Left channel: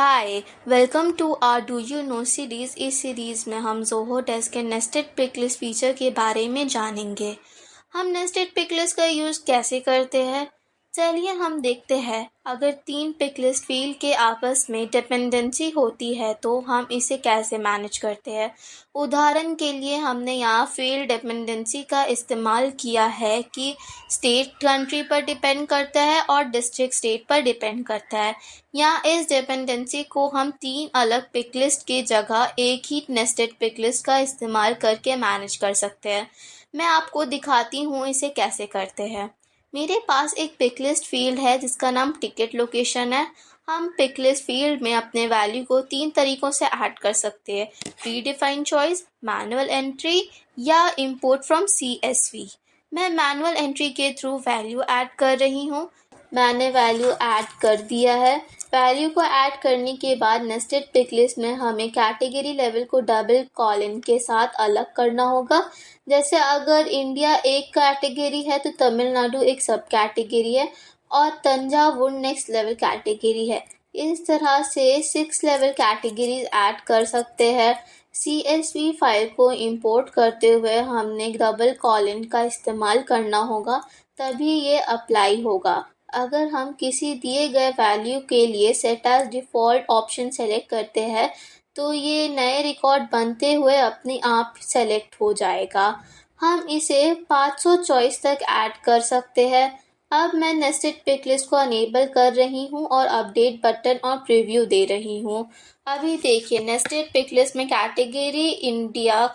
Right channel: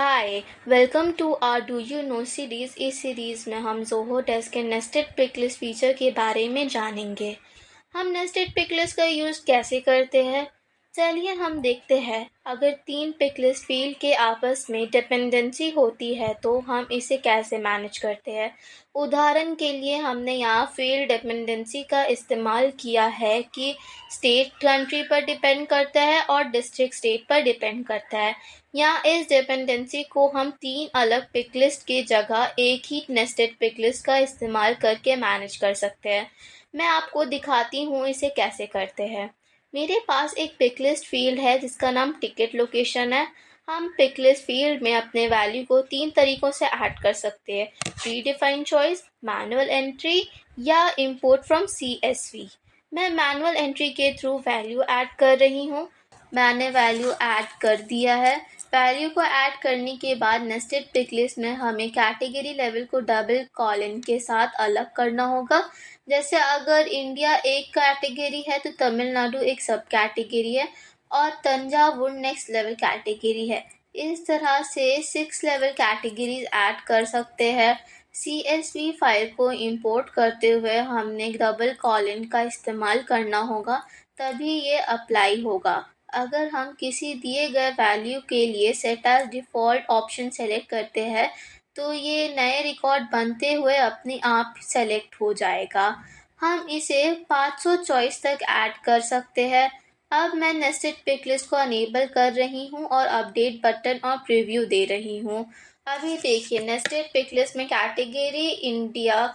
Hi, welcome to our do you know series. इस series में हम ज़ोहो डेस्क के नेस्टेड पिक लिस्ट फीचर के बारे में जानेंगे। हम नेस्टेड पिक लिस्ट का यूज़ कैसे करते हैं, चलिए हम देखते हैं। अगर तीन पिक लिस्ट फील्ड के आपस में डिपेंडेंसी होती है तो हम इसे कैसे मैनेज करते हैं। उदाहरण के लिए हमने यहाँ फील्ड डिपेंडेंसी का इस्तेमाल किया है कि स्टेट कंट्री पर डिपेंड करता है और डिस्ट्रिक्ट स्टेट पर डिपेंड करता है। यहाँ इस डिपेंडेंसी को हम तीन अलग पिक लिस्ट की जगह एक ही नेस्टेड पिक लिस्ट का इस्तेमाल करके मैनेज कर सकते हैं। मैं आपको दिखाती हूँ इसे कैसे करते हैं। मेरे पास एक पिक लिस्ट फील्ड है जिसका नाम टिकट लोकेशन है। हम पिक लिस्ट फील्ड में अपने वैल्यू को तीन तरीक़ों से ऐड कर सकते हैं: pre defined choice, manual entry या इंपोर्ट फ्रॉम CSV। मैं मैनुअल एंट्री के थ्रू वैल्यू ऐड कर रही हूँ। मैंने वैल्यू ऐड कर दिया है। वैल्यू को ऐड करने के बाद नेस्टेड पिक लिस्ट में हमें कैटेगरी लेवल को डबल कॉलन के साथ अलग करना होगा। जैसे अगर इंडिया एक कैटेगरी है तो तमिलनाडु एक सब कैटेगरी है और तंजावुर नेक्स्ट लेवल कैटेगरी है। इस तरह से 6 लेवल कैटेगरीज ऐड कर सकते हैं। CSV फाइल को इंपोर्ट करते हुए हमने डबल कॉलन का इस्तेमाल करना होगा, तभी ये अप्लाई होगा। अगर हम किसी दिए गए वैल्यू के लिए set as default option select करते हैं तो ये नए रिकॉर्ड बनते हुए अपने आप सेलेक्ट हो जाएगा। हम इसे 500 चॉइस तक ऐड कर सकते हैं। अब मैं नेस्टेड पिक लिस्ट को अनेबल कर रही हूँ और अपडेट बटन और प्रीव्यू दे रही हूँ। अभी देखिए, नेस्टेड पिक लिस्ट में कैटेगरी इंडिया,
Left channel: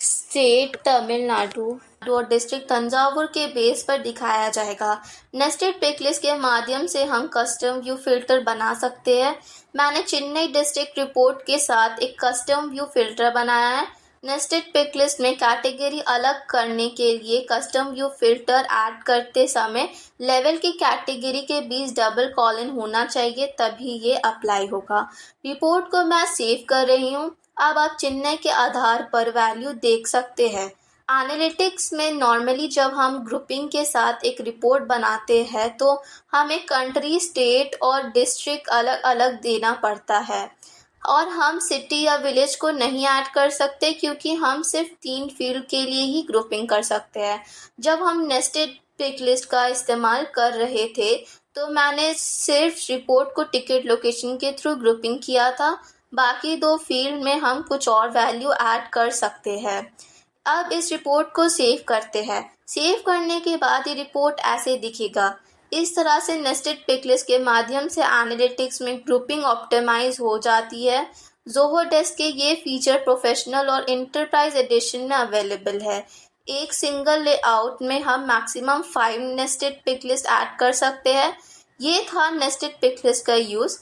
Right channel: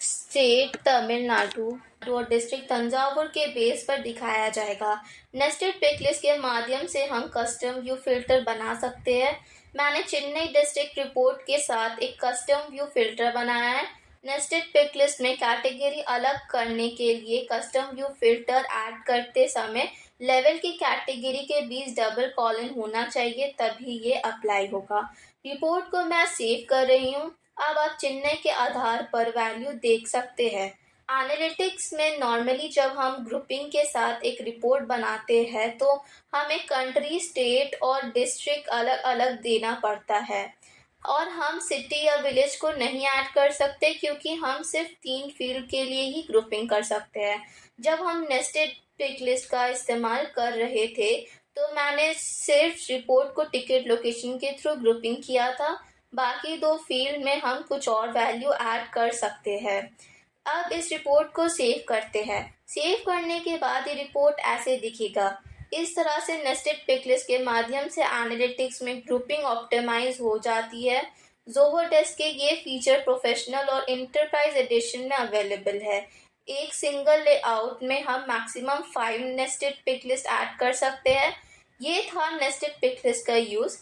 स्टेट तमिलनाडु और डिस्ट्रिक्ट तंजावुर के बेस पर दिखाया जाएगा। नेस्टेड पिक लिस्ट के माध्यम से हम कस्टम व्यू फिल्टर बना सकते हैं। मैंने चेन्नई डिस्ट्रिक्ट रिपोर्ट के साथ एक कस्टम व्यू फिल्टर बनाया है। नेस्टेड पिक लिस्ट में कैटेगरी अलग करने के लिए कस्टम व्यू फिल्टर ऐड करते समय लेवल की कैटेगरी के बीच डबल कॉलन होना चाहिए, तभी ये अप्लाई होगा। रिपोर्ट को मैं सेव कर रही हूँ। अब आप चेन्नई के आधार पर वैल्यू देख सकते हैं। एनालिटिक्स में नॉर्मली जब हम ग्रुपिंग के साथ एक रिपोर्ट बनाते हैं तो हमें कंट्री, स्टेट और डिस्ट्रिक्ट अलग अलग देना पड़ता है और हम सिटी या विलेज को नहीं ऐड कर सकते क्योंकि हम सिर्फ तीन फील्ड के लिए ही ग्रुपिंग कर सकते हैं। जब हम नेस्टेड पिक लिस्ट का इस्तेमाल कर रहे थे तो मैंने सिर्फ रिपोर्ट को टिकट लोकेशन के थ्रू ग्रुपिंग किया था। बाकी दो फील्ड में हम कुछ और वैल्यू ऐड कर सकते हैं। अब इस रिपोर्ट को सेव करते हैं। सेव करने के बाद ये रिपोर्ट ऐसे दिखेगा। इस तरह से नेस्टेड पिक लिस्ट के माध्यम से एनालिटिक्स में ग्रुपिंग ऑप्टिमाइज हो जाती है। ज़ोहो डेस्क के ये फीचर प्रोफेशनल और इंटरप्राइज एडिशन में अवेलेबल है। एक सिंगल लेआउट में हम maximum 5 nested pick list add कर सकते हैं। ये था नेस्टेड पिक लिस्ट का यूज़।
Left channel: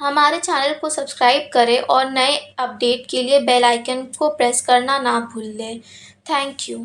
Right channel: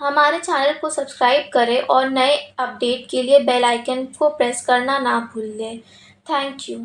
हमारे चैनल को सब्सक्राइब करें और नए अपडेट के लिए बेल आइकन को प्रेस करना ना भूलें। Thank you.